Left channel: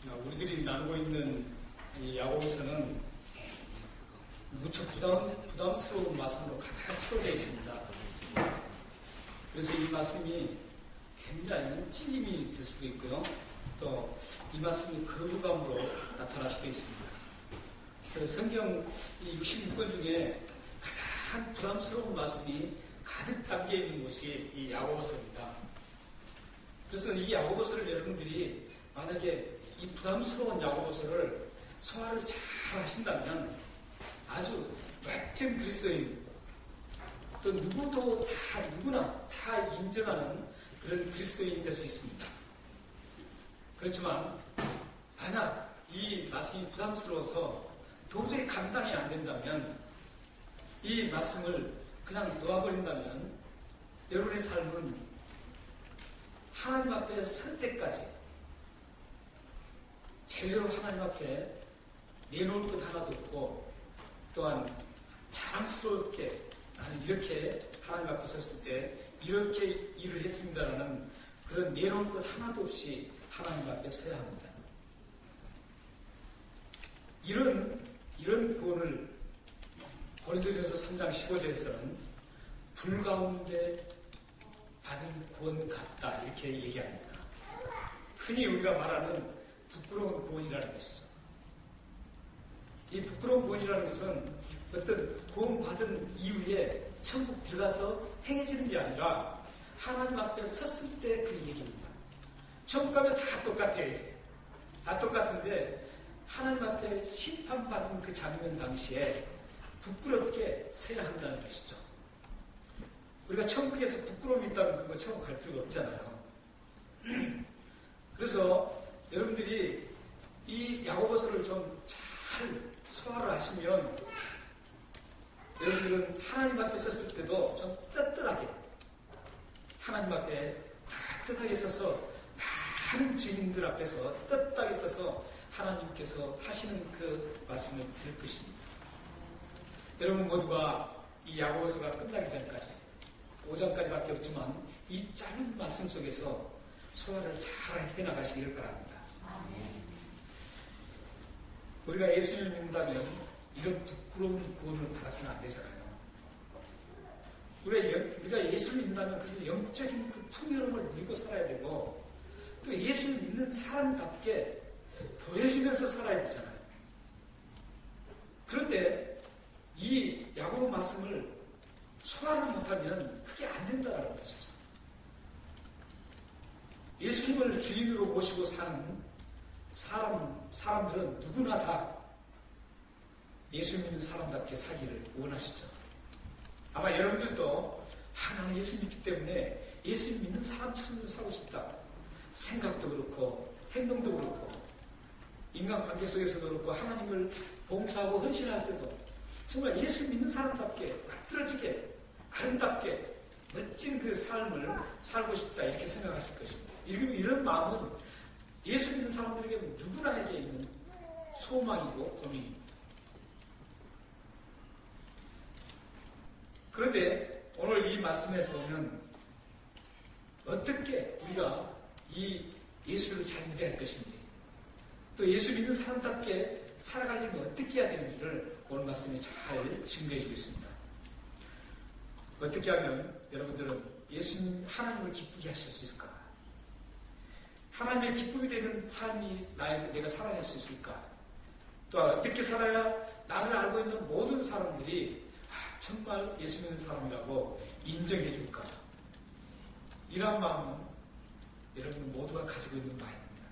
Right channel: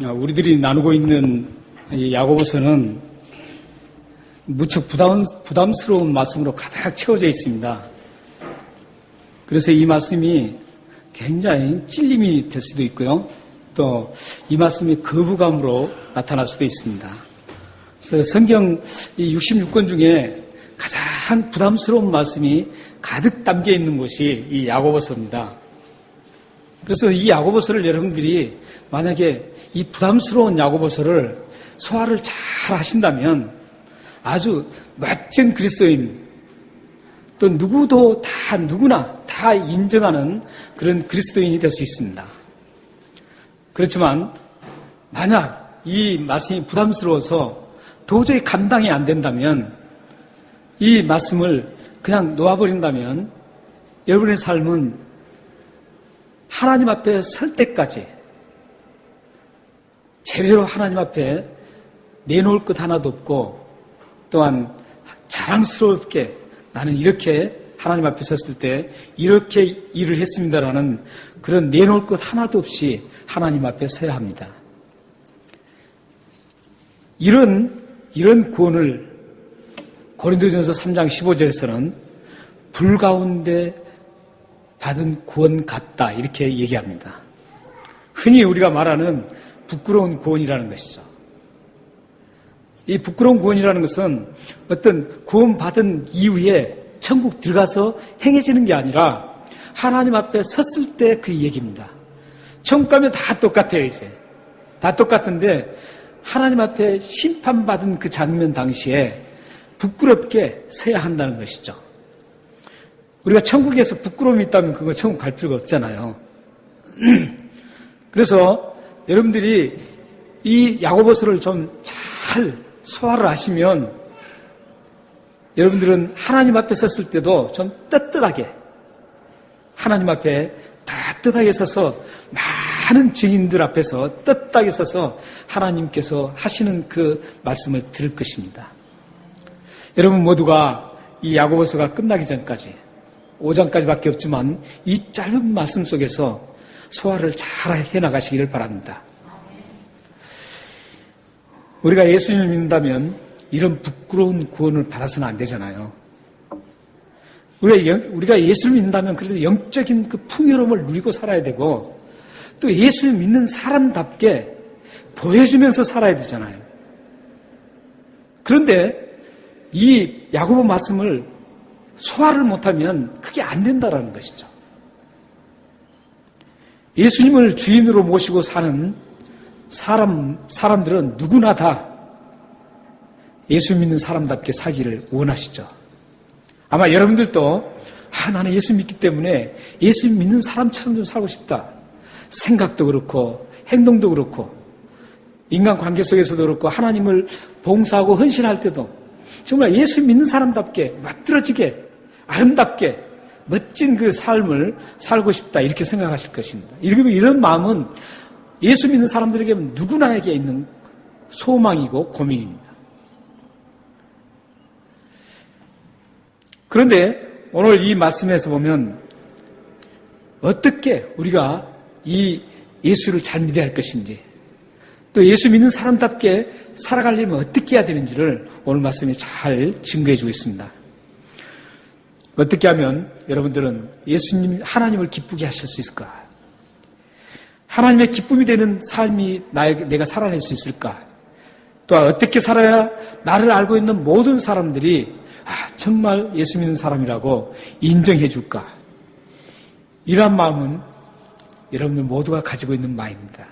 우리들이 나누고 있는 이 야고보서는 무척 부담스러운 말씀으로 가득 채워져 있습니다. 그래서 이 말씀이 굉장히 찔림이 될 수도 있고요. 또 이 말씀이 거부감으로 나타날 수도 있습니다. 그래서 성경 이 66권 중에 가장 부담스러운 말씀이 가득 담겨 있는 곳이 이 야고보서입니다. 그래서 이 야고보서를 여러분들이 만약에 이 부담스러운 야고보서를 소화를 잘 하신다면 아주 멋진 그리스도인, 또 누구나 다 인정하는 그런 그리스도인이 될 수 있습니다. 그렇지만 만약 이 말씀이 부담스러워서 도저히 감당이 안 된다면, 이 말씀을 그냥 놓아버린다면 여러분의 삶은 하나님 앞에 설 때까지 제대로 하나님 앞에 내놓을 것 하나도 없고, 또한 자랑스럽게 나는 이렇게 하나님 앞에 섰을 때 이렇게 일을 했습니다라는 그런 내놓을 것 하나도 없이 하나님 앞에 서야 합니다. 이런 구원을 고린도전서 3장 15절에서는 불 가운데 받은 구원 같다 이렇게 얘기합니다. 흔히 우리가 말하는 부끄러운 구원이라는 것이죠. 이 부끄러운 구원이라는 것은 어떤 구원받은 이후에 천국 들어가서 행해지는 게 아니라 하나님 앞에 섰을 때 그 얘기입니다. 천국 가면 다 똑같아요, 이제. 다 똑같은데 하나님 앞에 심판받은 그 장면 당시에 부끄럽게 서야 한다는 것이죠. 우리가 천국에서 부끄러움이 있다면 그거 천국 갈 필요가 없잖아요. 그래서 여러분들이 이 야고보서를 좀 잘 소화를 하시면 여러분들은 하나님 앞에 섰을 때도 좀 떳떳하게, 하나님 앞에 따뜻하게 서서 많은 증인들 앞에서 떳떳하게 서서 하나님께서 하시는 그 말씀을 들을 것입니다. 여러분 모두가 이 야고보서가 끝나기 전까지 5장까지밖에 없지만 이 짧은 말씀 속에서 소화를 잘 해나가시기를 바랍니다. 우리가 예수님을 믿는다면 이런 부끄러운 구원을 받아서는 안 되잖아요. 우리가 예수를 믿는다면 그래도 영적인 그 풍요로움을 누리고 살아야 되고, 또 예수를 믿는 사람답게 보여주면서 살아야 되잖아요. 그런데 이 야고보 말씀을 소화를 못하면 그게 안 된다라는 것이죠. 예수님을 주인으로 모시고 사는 사람들은 누구나 다 예수 믿는 사람답게 살기를 원하시죠. 아마 여러분들도 나는 예수 믿기 때문에 예수 믿는 사람처럼 좀 살고 싶다. 생각도 그렇고 행동도 그렇고 인간관계 속에서도 그렇고 하나님을 봉사하고 헌신할 때도 정말 예수 믿는 사람답게 멋들어지게 아름답게 멋진 그 삶을 살고 싶다 이렇게 생각하실 것입니다. 이런 마음은 예수 믿는 사람들에게 누구나에게 있는 소망이고 고민입니다. 그런데 오늘 이 말씀에서 보면 어떻게 우리가 이 예수를 잘 믿어야 할 것인지, 또 예수 믿는 사람답게 살아가려면 어떻게 해야 되는지를 오늘 말씀이 잘 증거해 주고 있습니다. 어떻게 하면 여러분들은 예수님, 하나님을 기쁘게 하실 수 있을까? 하나님의 기쁨이 되는 삶이 내가 살아낼 수 있을까? 또 어떻게 살아야 나를 알고 있는 모든 사람들이 정말 예수 믿는 사람이라고 인정해 줄까? 이러한 마음은 여러분들 모두가 가지고 있는 마음입니다.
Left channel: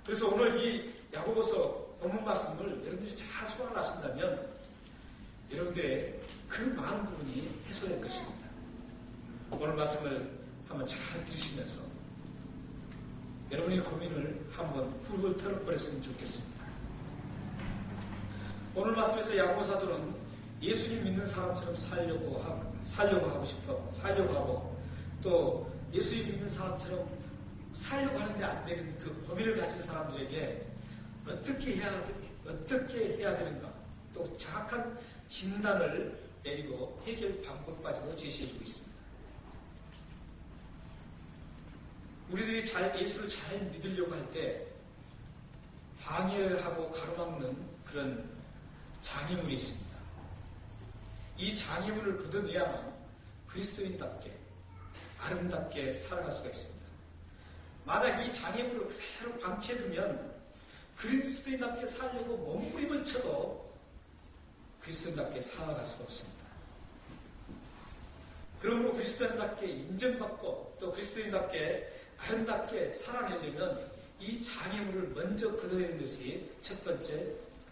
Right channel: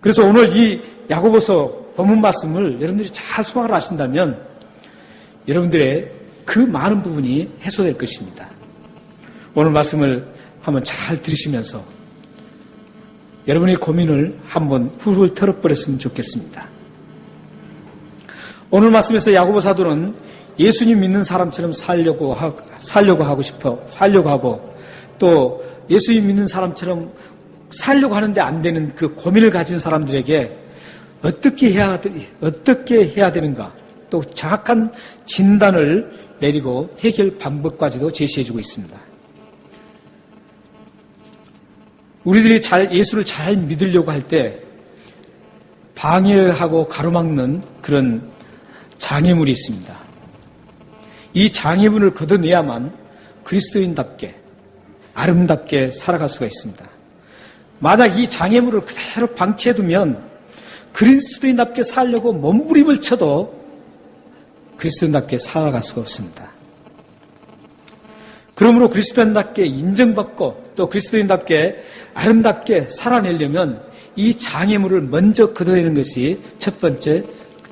그래서 오늘 이 야고보서 본문 말씀을 여러분들이 잘 소화를 하신다면 여러분들의 그 많은 부분이 해소될 것입니다. 오늘 말씀을 한번 잘 들으시면서 여러분의 고민을 한번 훌훌 털어버렸으면 좋겠습니다. 오늘 말씀에서 야고보 사도는 예수님 믿는 사람처럼 살려고 하고 또 예수님 믿는 사람처럼 살려고 하는데 안 되는 그 고민을 가진 사람들에게 어떻게 해야 되는가, 또 정확한 진단을 내리고 해결 방법까지도 제시해주고 있습니다. 우리들이 예수를 잘 믿으려고 할 때 방해하고 가로막는 그런 장애물이 있습니다. 이 장애물을 걷어내야만 그리스도인답게 아름답게 살아갈 수가 있습니다. 만약 이 장애물을 그대로 방치해두면 그리스도인답게 살려고 몸부림을 쳐도 그리스도인답게 살아갈 수가 없습니다. 그러므로 그리스도인답게 인정받고 또 그리스도인답게 아름답게 살아내려면 이 장애물을 먼저 걷어내는 것이 첫 번째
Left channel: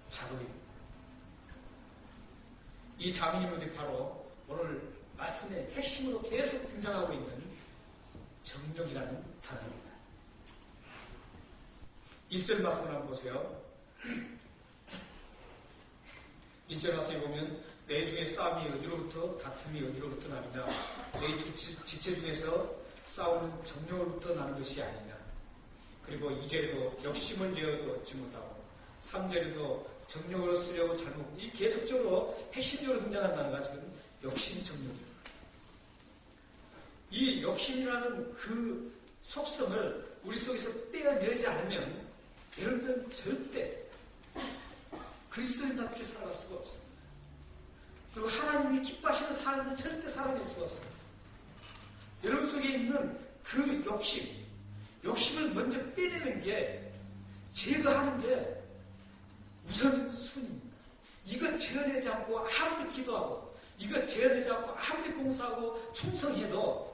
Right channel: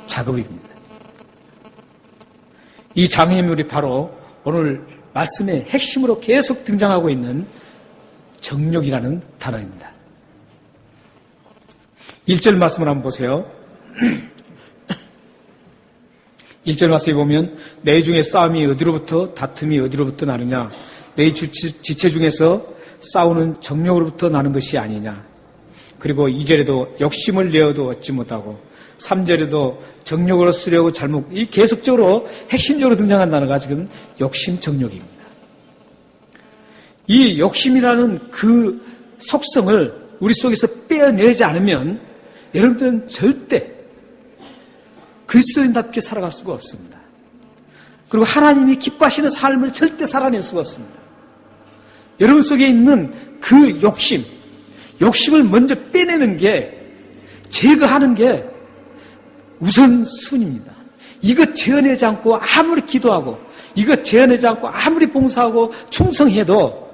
작업입니다. 이 장애물이 바로 오늘 말씀의 핵심으로 계속 등장하고 있는 정욕이라는 단어입니다. 1절 말씀을 한번 보세요. 1절 말씀에 보면 너희 중에 싸움이 어디로부터 다툼이 어디로부터 나느냐 너희 지체 중에서 싸우는 정욕으로부터 나는 것이 아니냐. 그리고 2절에도 욕심을 내어도 얻지 못하고 3절에도 정욕으로 쓰려고 잘못 이 계속적으로 핵심적으로 등장한 단어가 지금 욕심 정욕입니다. 이 욕심이라는 그 속성을 우리 속에서 빼어내지 않으면 여러분들은 절대 그리스도인답게 살아갈 수가 없습니다. 그리고 하나님이 기뻐하시는 삶을 절대 살아낼 수가 없습니다. 여러분 속에 있는 그 욕심을 먼저 빼내는 게, 제거하는 게 우선순위입니다. 이것 제어내지 않고 아무리 기도하고, 이것 제어내지 않고 아무리 봉사하고 충성해도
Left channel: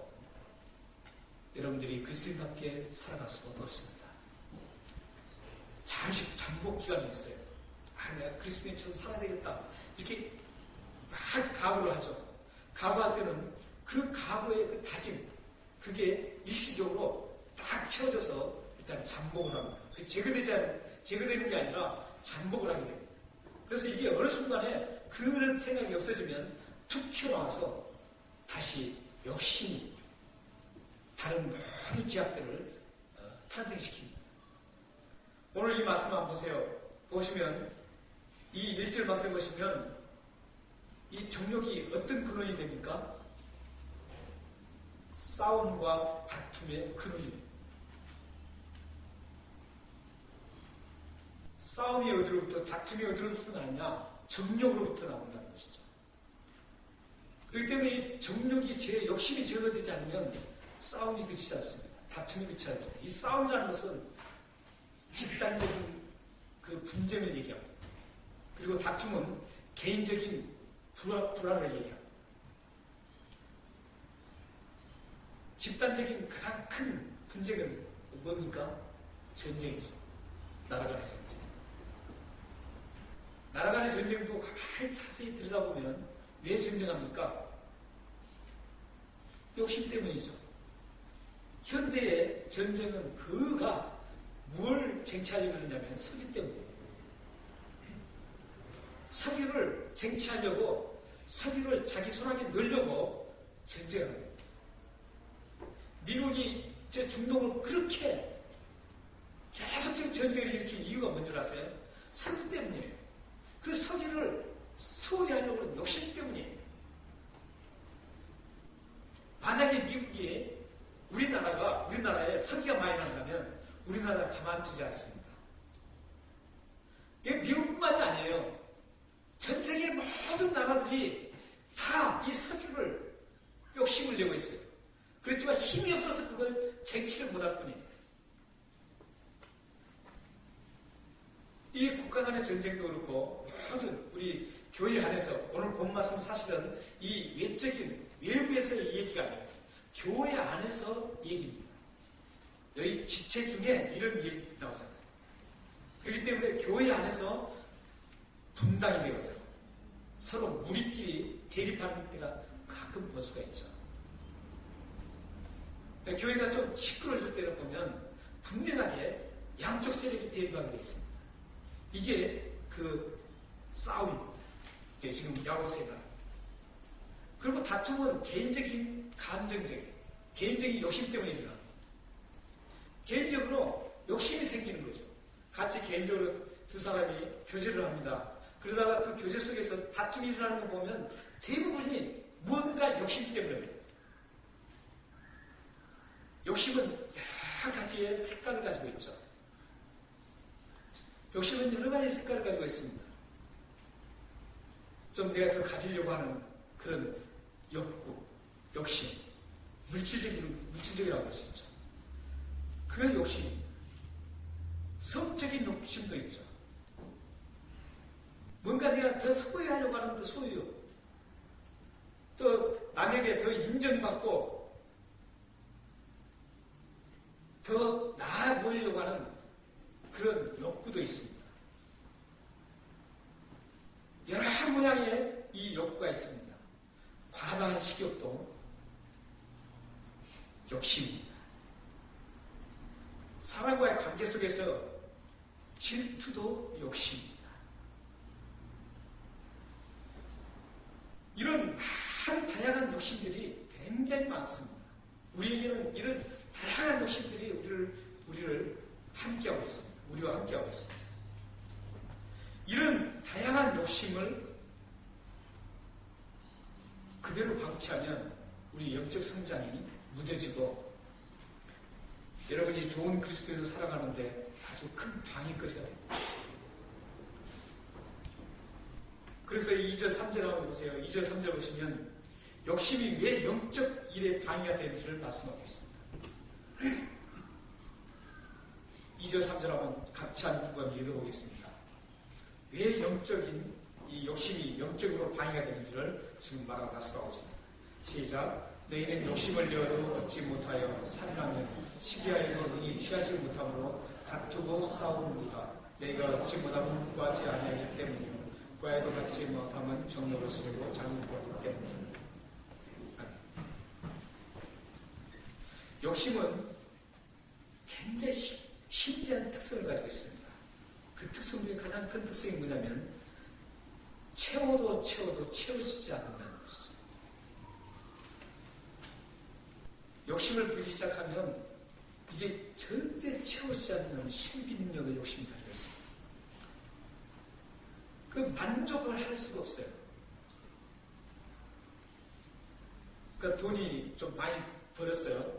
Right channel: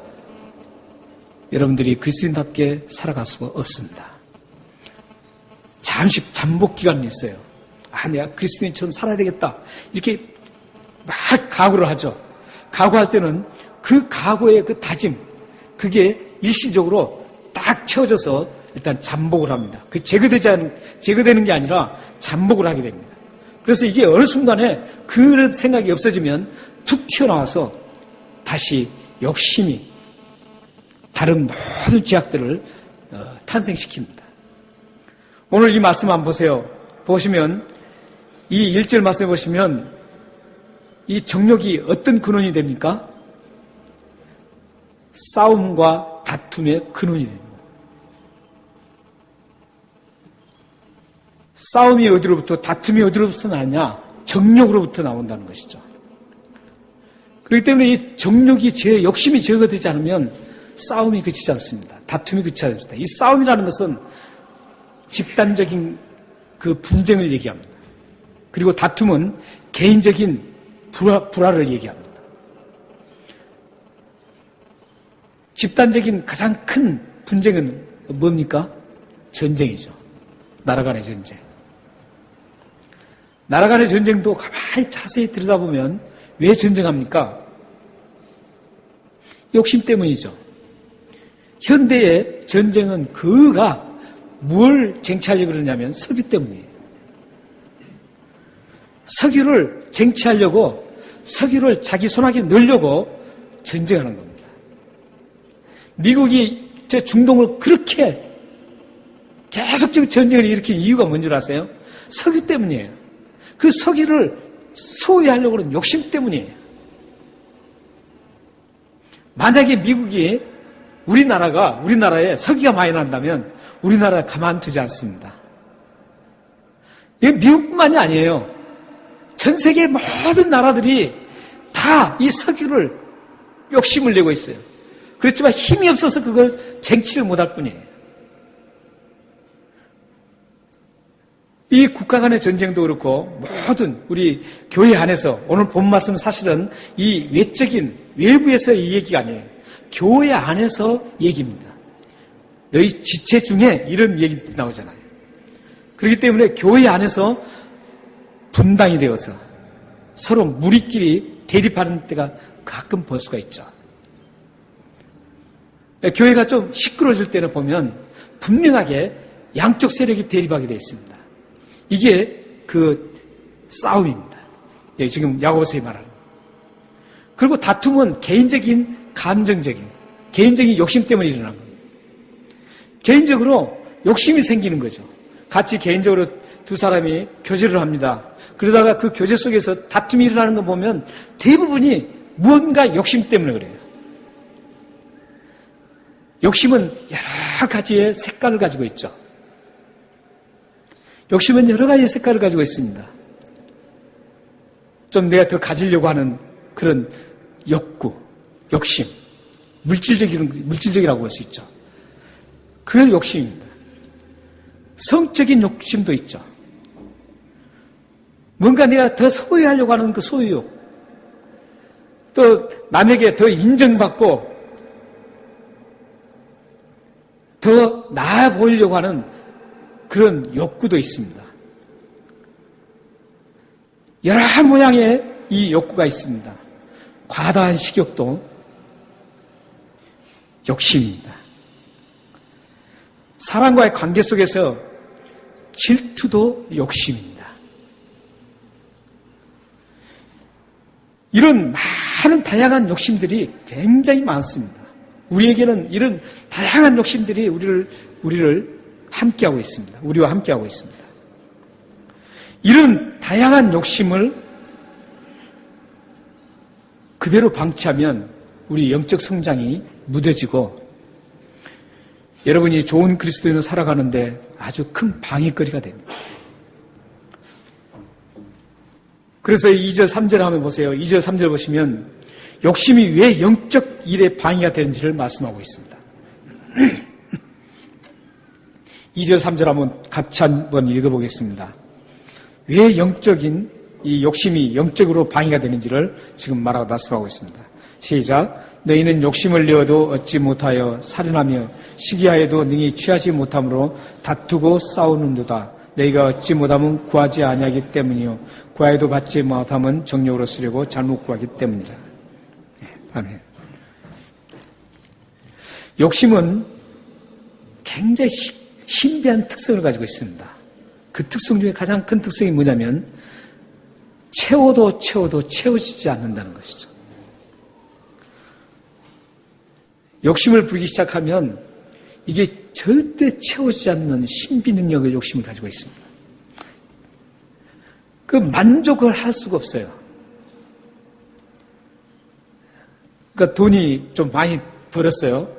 여러분들이 그리스도인답게 살아갈 수가 없습니다. 잠시 잠복 기간이 있어요. 내가 그리스도인처럼 살아야 되겠다. 이렇게 막 각오를 하죠. 각오할 때는 그 각오의 그 다짐, 그게 일시적으로 딱 채워져서 일단 잠복을 합니다. 그 제거되는 게 아니라 잠복을 하게 됩니다. 그래서 이게 어느 순간에 그런 생각이 없어지면 툭 튀어나와서 다시 욕심이 다른 모든 죄악들을 탄생시킵니다. 오늘 이 말씀 한번 보세요. 보시면 이 1절 말씀에 보시면 이 정욕이 어떤 근원이 됩니까? 싸움과 다툼의 근원이 됩니다. 싸움이 어디로부터, 다툼이 어디로부터 나느냐? 정욕으로부터 나온다는 것이죠. 그렇기 때문에 이 정욕이 욕심이 제거되지 않으면 싸움이 그치지 않습니다. 다툼이 그치지 않습니다. 이 싸움이라는 것은 집단적인 그 분쟁을 얘기합니다. 그리고 다툼은 개인적인 불화를 얘기합니다. 집단적인 가장 큰 분쟁은 뭡니까? 전쟁이죠. 나라 간의 전쟁. 나라 간의 전쟁도 가만히 자세히 들여다보면 왜 전쟁합니까? 욕심 때문이죠. 현대의 전쟁은 그가 뭘 쟁취하려고 그러냐면 석유 때문이에요. 석유를 쟁취하려고, 석유를 자기 손아귀에 넣으려고 전쟁하는 겁니다. 미국이 중동을 그렇게 계속적인 전쟁을 일으킨 이유가 뭔 줄 아세요? 석유 때문이에요. 그 석유를 소유하려고 하는 욕심 때문이에요. 만약에 미국이 우리나라에 석유가 많이 난다면 우리나라 가만두지 않습니다. 이게 미국뿐만이 아니에요. 전 세계 모든 나라들이 다 이 석유를 욕심을 내고 있어요. 그렇지만 힘이 없어서 그걸 쟁취를 못할 뿐이에요. 이 국가 간의 전쟁도 그렇고 모든 우리 교회 안에서 오늘 본 말씀은 사실은 이 외부에서의 얘기가 아니에요. 교회 안에서 얘기입니다. 너희 지체 중에 이런 얘기 나오잖아요. 그렇기 때문에 교회 안에서 분당이 되어서 서로 무리끼리 대립하는 때가 가끔 볼 수가 있죠. 교회가 좀 시끄러워질 때는 보면 분명하게 양쪽 세력이 대립하게 되어 있습니다. 이게 그 싸움입니다. 지금 야고보서에 말하는. 그리고 다툼은 개인적인 감정적인 개인적인 욕심 때문에 일어나는 겁니다. 개인적으로 욕심이 생기는 거죠. 같이 개인적으로 두 사람이 교제를 합니다. 그러다가 그 교제 속에서 다툼이 일어나는 거 보면 대부분이 무언가 욕심 때문에 그래요. 욕심은 여러 가지의 색깔을 가지고 있죠. 욕심은 여러 가지 색깔을 가지고 있습니다. 좀 내가 더 가지려고 하는 그런 욕구, 욕심, 물질적이라고 할 수 있죠. 그 욕심입니다. 성적인 욕심도 있죠. 뭔가 내가 더 소유하려고 하는 그 소유욕, 또 남에게 더 인정받고 더 나아 보이려고 하는 그런 욕구도 있습니다. 여러 모양의 이 욕구가 있습니다. 과다한 식욕도 욕심입니다. 사람과의 관계 속에서 질투도 욕심입니다. 이런 많은 다양한 욕심들이 굉장히 많습니다. 우리에게는 이런 다양한 욕심들이 우리를 함께하고 있습니다. 우리와 함께하고 있습니다. 이런 다양한 욕심을 그대로 방치하면 우리 영적 성장이 무뎌지고 여러분이 좋은 그리스도인으로 살아가는데 아주 큰 방해거리가 됩니다. 그래서 2절, 3절 한번 보세요. 2절, 3절 보시면 욕심이 왜 영적 일에 방해가 되는지를 말씀하고 있습니다. 2절, 3절 같이 한번 읽어보겠습니다. 왜 영적인 이 욕심이 영적으로 방해가 되는지를 지금 말씀하고 있습니다. 시작. 너희는 욕심을 내어도 얻지 못하여 살인하며 시기하여도 능히 취하지 못함으로 다투고 싸우는도다. 너희가 얻지 못하면 구하지 아니하기 때문이요 구하여도 받지 못하면 정욕으로 쓰려고 잘못 구하기 때문이다. 아멘. 욕심은 굉장히 신비한 특성을 가지고 있습니다. 그 특성 중에 가장 큰 특성이 뭐냐면 채워도 채워지지 않는다는 것이죠. 욕심을 부리기 시작하면 이게 절대 채워지지 않는 신비 능력을 욕심을 가지고 있습니다. 그 만족을 할 수가 없어요. 그러니까 돈이 좀 많이 벌었어요.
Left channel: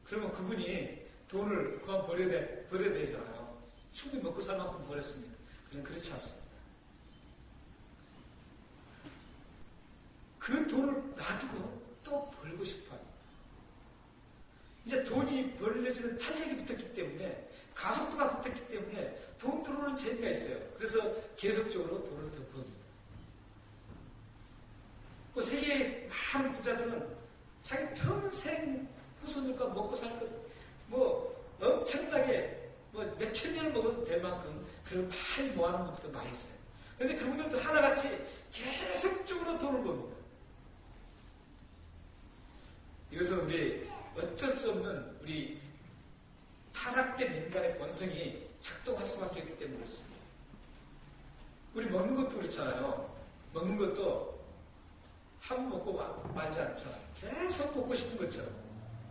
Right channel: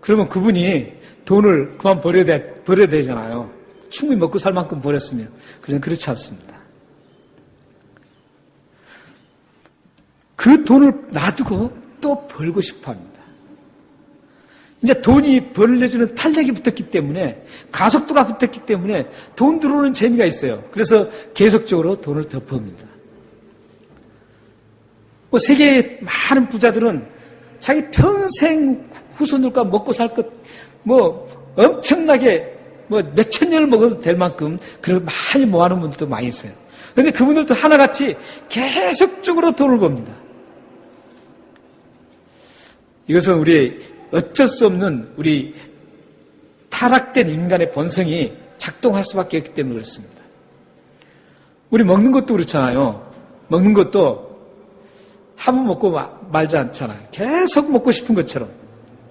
그러면 그분이 돈을 그만 벌어야 되잖아요. 충분히 먹고 살 만큼 벌었으면. 그런데 그렇지 않습니다. 그 돈을 놔두고 또 벌고 싶어 합니다. 이제 돈이 벌려주는 탄력이 붙었기 때문에, 가속도가 붙었기 때문에 돈 들어오는 재미가 있어요. 그래서 계속적으로 돈을 더 법니다. 세계의 많은 부자들은 자기 평생 후손들과 먹고 살 것, 엄청나게, 몇천 년을 먹어도 될 만큼 그런 많이 모아놓은 분들도 많이 있어요. 그런데 그분들도 하나같이 계속적으로 돈을 법니다. 이것은 우리 어쩔 수 없는 우리 타락된 인간의 본성이 작동할 수밖에 없기 때문에 그렇습니다. 우리 먹는 것도 그렇잖아요. 먹는 것도 한 번 먹고 말지 않잖아요. 계속 먹고 싶은 것처럼.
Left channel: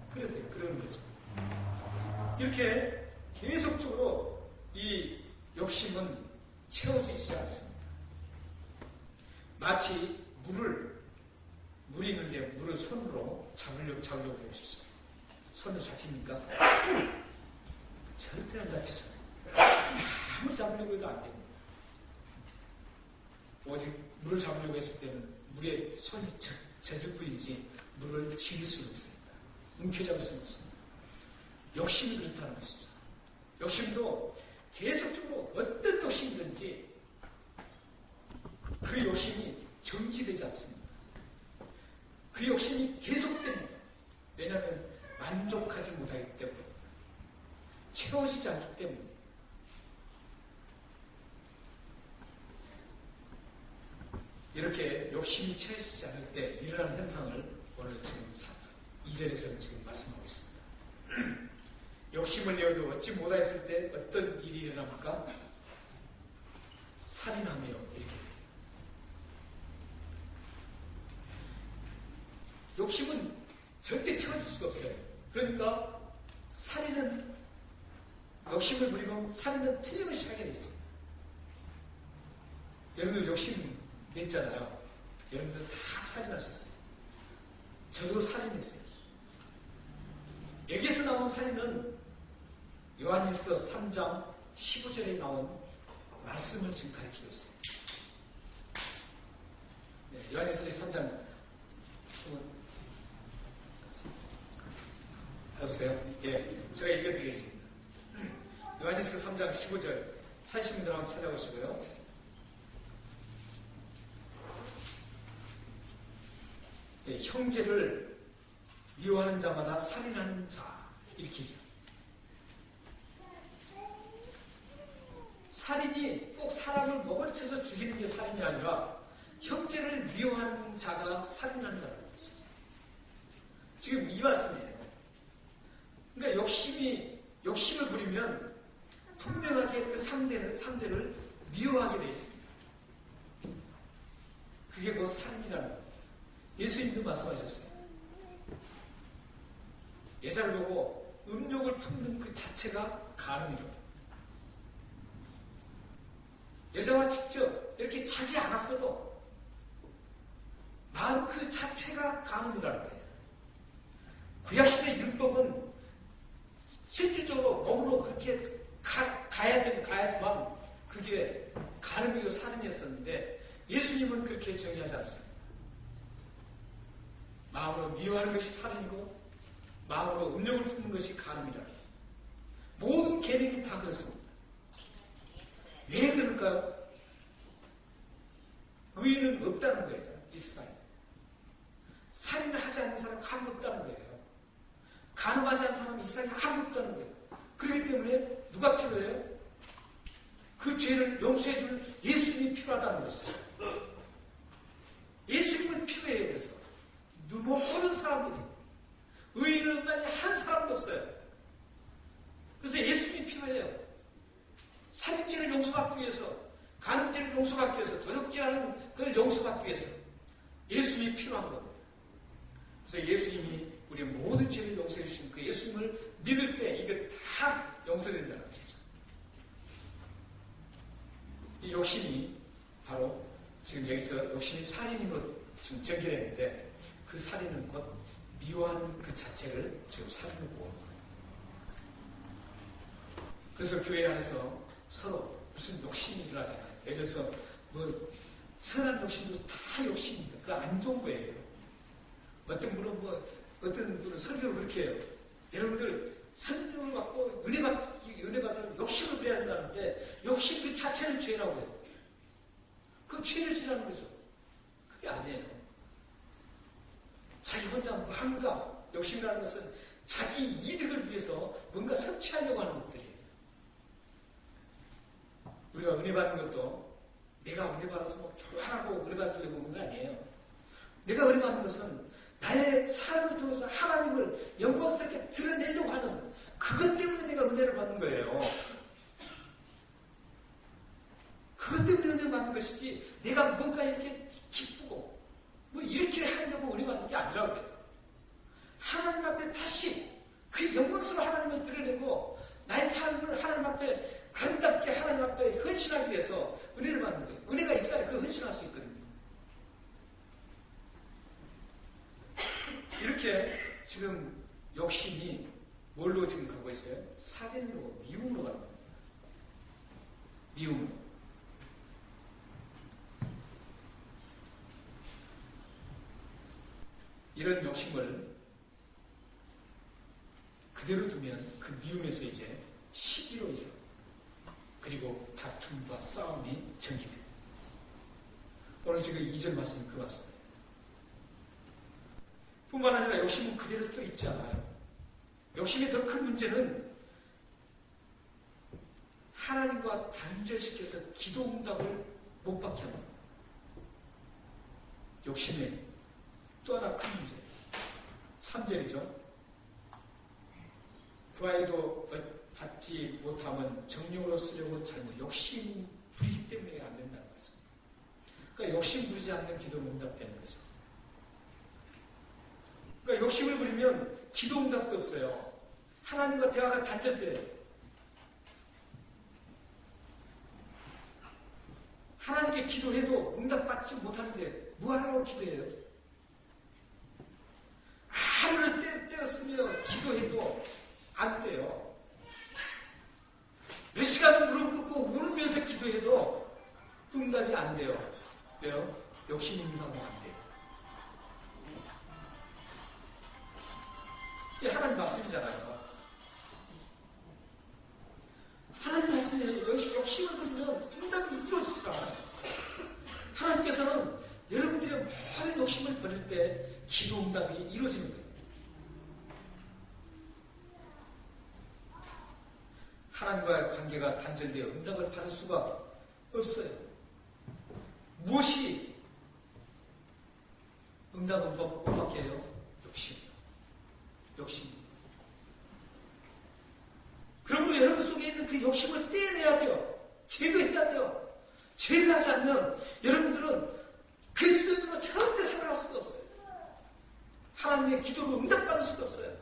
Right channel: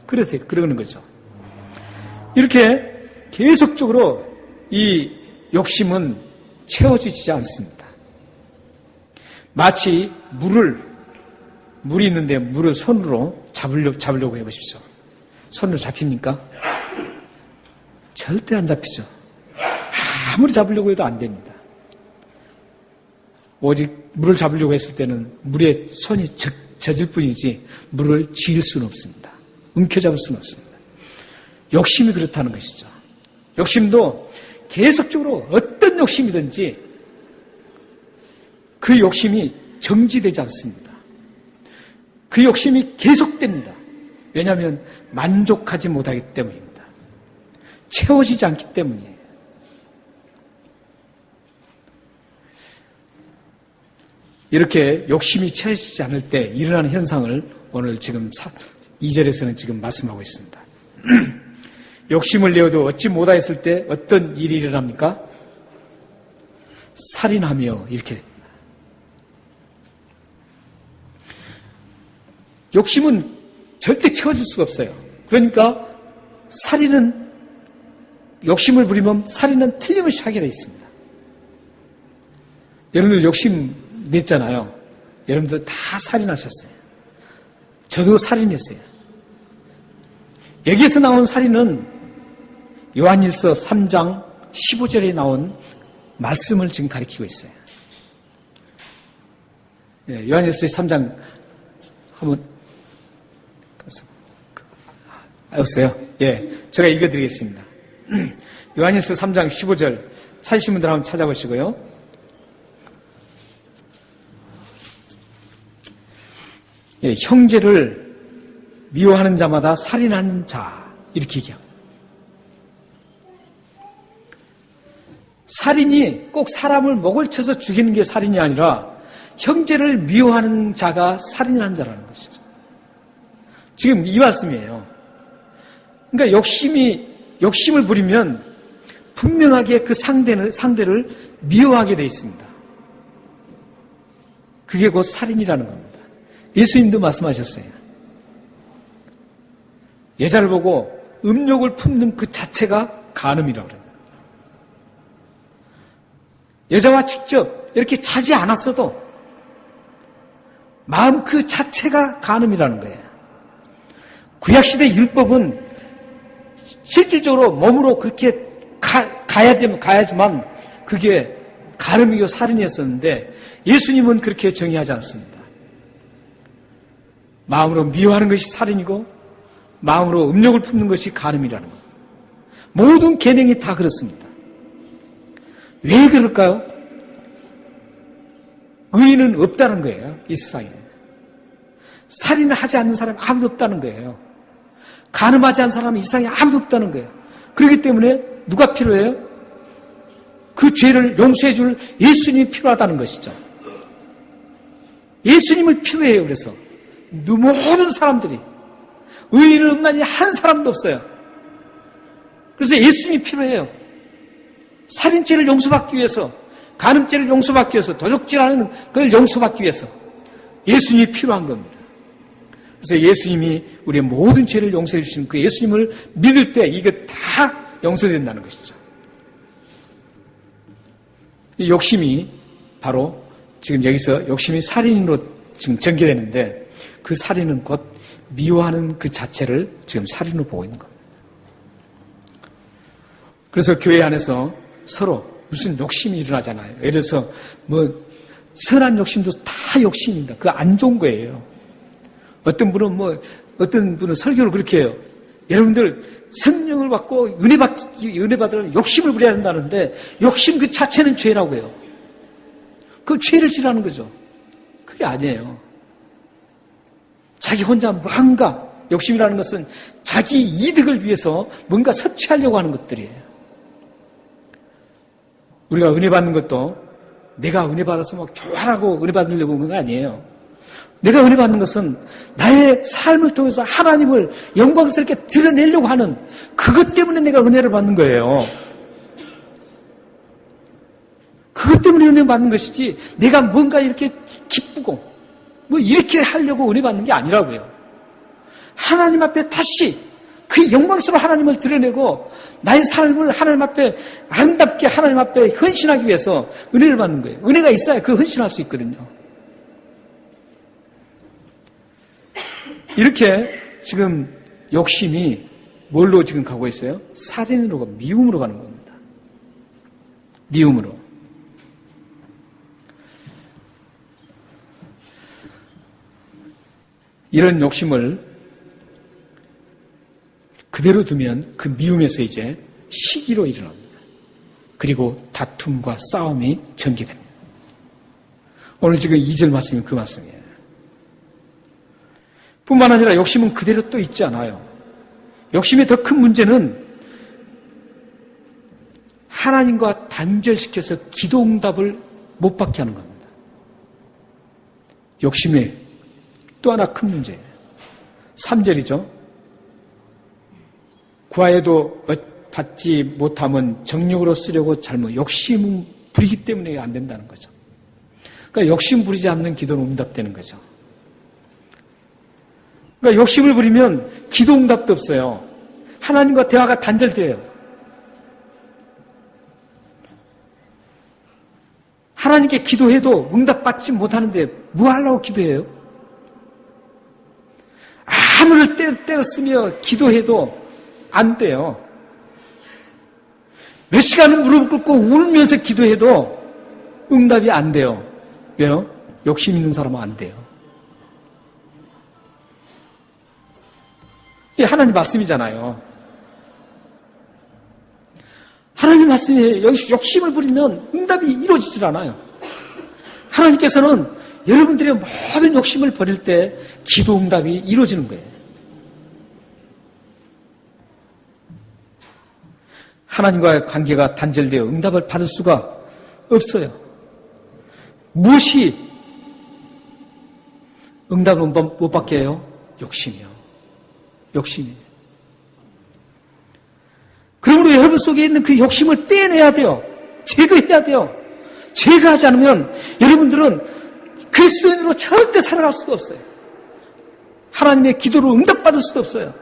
그러는 거죠. 이렇게 계속적으로 이 욕심은 채워지지 않습니다. 마치 물이 있는데 물을 손으로 잡으려고 해보십시오. 손으로 잡힙니까? 절대 안 잡히죠. 아무리 잡으려고 해도 안 됩니다. 오직 물을 잡으려고 했을 때는 물에 손이 젖을 뿐이지 물을 쥐을 수는 없습니다. 움켜잡을 수는 없습니다. 욕심이 그렇다는 것이죠. 욕심도 계속적으로 어떤 욕심이든지 그 욕심이 정지되지 않습니다. 그 욕심이 계속됩니다. 왜냐하면 만족하지 못하기 때문입니다. 채워지지 않기 때문이에요. 이렇게 욕심이 채워지지 않을 때 일어나는 현상을 오늘 지금 2절에서는 지금 말씀하고 있습니다. 욕심을 내어도 얻지 못하였을 때 어떤 일이 일어납니까? 살인하며 이렇게 됩니다. 욕심은 절대 채워질 수가 없어요. 그러니까 욕심을 부리면 살인은 틀림없이 하게 되어 있습니다. 여러분들 욕심 냈잖아요. 여러분들 다 살인하셨어요. 저도 살인했어요. 여기에서 나온 살인은 요한일서 3장 15절에 나온 말씀을 지금 가리키고 있어요. 예, 요한일서 3장 한번 없어요? 예, 제가 읽어드리겠습니다. 요한일서 3장 15절 찾으신 분들 한번 찾아보시고요. 예, 형제를 미워하는 자마다 살인하는 자 이렇게 얘기합니다. 살인이 꼭 사람을 목을 쳐서 죽이는 게 살인이 아니라 형제를 미워하는 자가 살인하는 자라는 것이죠. 지금 이 말씀이에요. 그러니까 욕심을 부리면 분명하게 그 상대를 미워하게 되어 있습니다. 그게 곧 살인이라는 겁니다. 예수님도 말씀하셨어요. 여자를 보고 음욕을 품는 그 자체가 간음이라고 그래요. 여자와 직접 이렇게 자지 않았어도 마음 그 자체가 간음이라는 거예요. 구약시대 율법은 실질적으로 몸으로 그렇게 가야지만 그게 간음이고 살인이었었는데 예수님은 그렇게 정의하지 않습니다. 마음으로 미워하는 것이 살인이고 마음으로 음욕을 품는 것이 간음이라는 것. 모든 계명이 다 그렇습니다. 왜 그럴까요? 의인은 없다는 거예요. 이 세상에. 살인을 하지 않는 사람이 아무도 없다는 거예요. 간음하지 않는 사람이 이 세상에 아무도 없다는 거예요. 그렇기 때문에 누가 필요해요? 그 죄를 용서해 줄 예수님이 필요하다는 것이죠. 예수님을 필요해요. 그래서 모든 사람들이 의인은 없나니 한 사람도 없어요. 그래서 예수님이 필요해요. 살인죄를 용서받기 위해서, 간음죄를 용서받기 위해서, 도적질하는 그걸 용서받기 위해서 예수님이 필요한 겁니다. 그래서 예수님이 우리의 모든 죄를 용서해 주시는 그 예수님을 믿을 때 이게 다 용서된다는 것이죠. 이 욕심이 바로 지금 여기서 욕심이 살인으로 지금 전개되는데 그 살인은 곧 미워하는 그 자체를 지금 살인으로 보고 있는 겁니다. 그래서 교회 안에서 서로 무슨 욕심이 일어나잖아요. 예를 들어서 선한 욕심도 다 욕심입니다. 그거 안 좋은 거예요. 어떤 분은 설교를 그렇게 해요. 여러분들 성령을 받고 은혜 받으려면 욕심을 부려야 된다는데 욕심 그 자체는 죄라고 해요. 그 죄를 지라는 거죠. 그게 아니에요. 자기 혼자 뭔가 욕심이라는 것은 자기 이득을 위해서 뭔가 섭취하려고 하는 것들이에요. 우리가 은혜 받는 것도 내가 은혜 받아서 막 좋아하고 은혜 받으려고 하는 거 아니에요. 내가 은혜 받는 것은 나의 삶을 통해서 하나님을 영광스럽게 드러내려고 하는 그것 때문에 내가 은혜를 받는 거예요. 그것 때문에 은혜 받는 것이지 내가 뭔가 이렇게 기쁘고 이렇게 하려고 은혜 받는 게 아니라고요. 하나님 앞에 다시 그 영광스러운 하나님을 드러내고 나의 삶을 하나님 앞에 아름답게 하나님 앞에 헌신하기 위해서 은혜를 받는 거예요. 은혜가 있어야 그 헌신할 수 있거든요. 이렇게 지금 욕심이 뭘로 지금 가고 있어요? 살인으로, 미움으로 가는 겁니다. 미움으로. 이런 욕심을 그대로 두면 그 미움에서 이제 시기로 일어납니다. 그리고 다툼과 싸움이 전개됩니다. 오늘 지금 2절 말씀이 그 말씀이에요. 뿐만 아니라 욕심은 그대로 또 있지 않아요. 욕심의 더 큰 문제는 하나님과 단절시켜서 기도 응답을 못 받게 하는 겁니다. 욕심의 또 하나 큰 문제예요. 3절이죠. 구하여도 받지 못하면 정욕으로 쓰려고 잘못 욕심 부리기 때문에 안 된다는 거죠. 그러니까 욕심 부리지 않는 기도는 응답되는 거죠. 그러니까 욕심을 부리면 기도 응답도 없어요. 하나님과 대화가 단절돼요. 하나님께 기도해도 응답받지 못하는데 뭐 하려고 기도해요? 아무를 때렸으며 기도해도 안 돼요. 몇 시간을 무릎 꿇고 울면서 기도해도 응답이 안 돼요. 왜요? 욕심 있는 사람은 안 돼요. 이게 하나님 말씀이잖아요. 하나님 말씀에 욕심을 부리면 응답이 이루어지질 않아요. 하나님께서는 여러분들의 모든 욕심을 버릴 때 기도 응답이 이루어지는 거예요. 하나님과의 관계가 단절되어 응답을 받을 수가 없어요. 무엇이 응답을 못 받게 해요? 욕심이요. 욕심이에요. 그러므로 여러분 속에 있는 그 욕심을 빼내야 돼요. 제거해야 돼요. 제거하지 않으면 여러분들은 그리스도인으로 절대 살아갈 수가 없어요. 하나님의 기도로 응답받을 수도 없어요.